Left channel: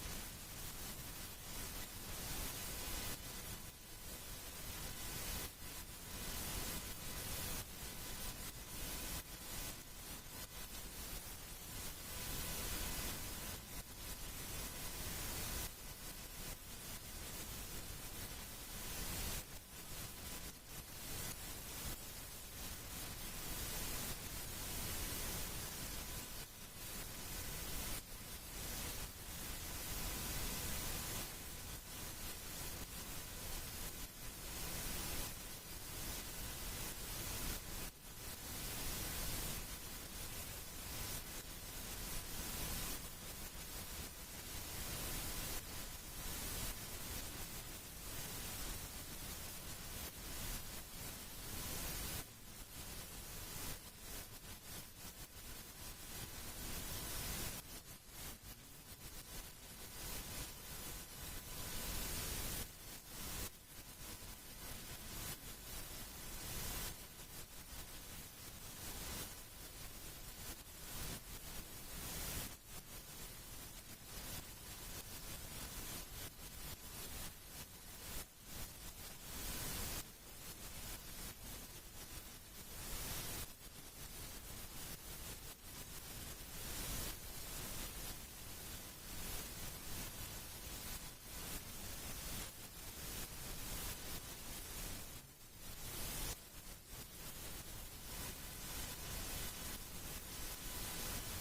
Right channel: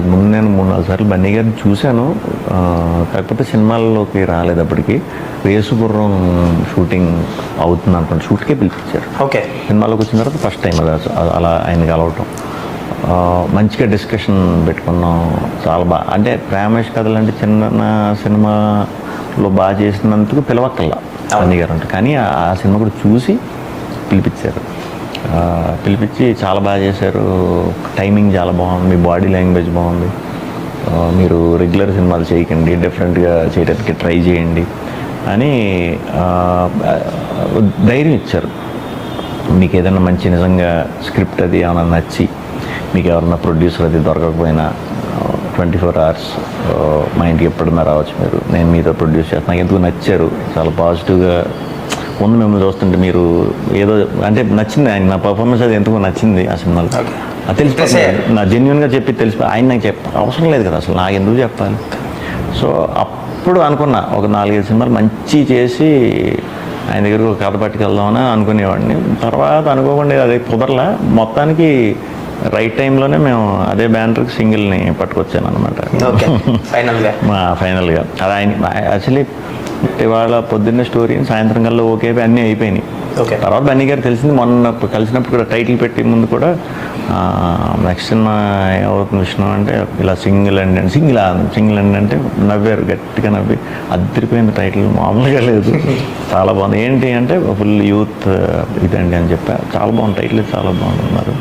అంతకుముందు నేను 3-4 సార్లు బన్నీ గారిని చూశాను. కాకపోతే సినిమాల్లోకి రాలేదు. అప్పటికి రేసుగుర్రం షూటింగ్ అవుతుంది అనుకోండి, షూట్కే పిలిపించారు. ఓకే. సినిమాలోకి వచ్చిన తర్వాత ఫస్ట్ టైం అది అలా ఆయన కలవటం. మంచిగా డిస్కషన్ పెట్టుకున్నాం. చాలా బాగా, అంటే ప్రేమేష్ కథలు అంటే చిన్న సినిమాలో బాగా చేసినందుకు పిలవక్కల్లా బన్నీ గారు అంటే, కానీ ఆ సినిమా కూడా చూసి పిలిపించారు. పిలిపించి చాలా బాగా చేశారు, టైమింగ్ చాలా బాగుంది, మీ బాడీ లాంగ్వేజ్ బాగుంది, మీరు రెగ్యులర్ సినిమాలు చేయకండి, డిఫరెంట్గా చేయడానికి ట్రై చేయండి అని ధైర్యం ఇచ్చారు. మీకు ఏదైనా మంచి నిజంగా స్క్రిప్ట్ అది ఏమైనా నచ్చి, మీకు ఎవరన్నా ప్రొడ్యూసర్ అది దొరకకపోయినా 24 hours మా ఇంటికి ఎప్పుడన్నా రావచ్చు, నేను మీతో ప్రొడ్యూస్ చేస్తాను. నాకు ఎందుకు నచ్చారు, చాలా పాజిటివ్గా ముందు మిమ్మల్ని చూస్తుంటే మీరు ఏదో అంటే నచ్చింది ఆయన, నా పర్ఫార్మెన్స్ అది ఎందుకు నచ్చింది ఆ సినిమాలో. అది తెలిసిపోయింది, నా జెన్యున్గా చెప్పి తెలిసిపోయి ఆయన నాకు అవసరం లేదు కదా అసలు, నాకు ఎందుకు చెప్పాలి. సో అప్పుడు అనుకున్నా ఒక 4-5 సినిమాలు మంచి చేసి ఆయన దగ్గర ఒక కథ పట్టుకెళ్దామని అనుకునేవాడిని. తర్వాత అనుకోకుండా అది కుదరలా. మొత్తానికి రైట్ టైంలోనే మేము అదే బ్యానర్కి సింగిల్ని పట్టుకొచ్చాను అనమాట ఫైనల్గా. అది ఆయన యాక్చువల్లీ ఇవాళ పొద్దున్నే స్టోరీ సాయంత్రం కల్లా ఓకే అన్నీ అయిపోయినాయి. తర్వాత బన్నీ గారు తెలిసింది మొన్న కలిసినప్పుడు కూడా టైటిల్ పెట్టి ముందు కూడా నెక్స్ట్ సినిమా ఏమవుతుంది విషయం అంటే ఇలా సింగిల్ అండ్ అంటే నవ్వారు, గట్టిగా నవ్వి అదిరిపోయింది టైటిల్, మామూలుగా లేదు, చాలా బాగుంది. ఏంటి అంటే ఫుల్ యూత్ ఇదండి అని చెప్పారు. చాలా బాగుంది టైటిల్, చాలా బాగుంది అన్నారు.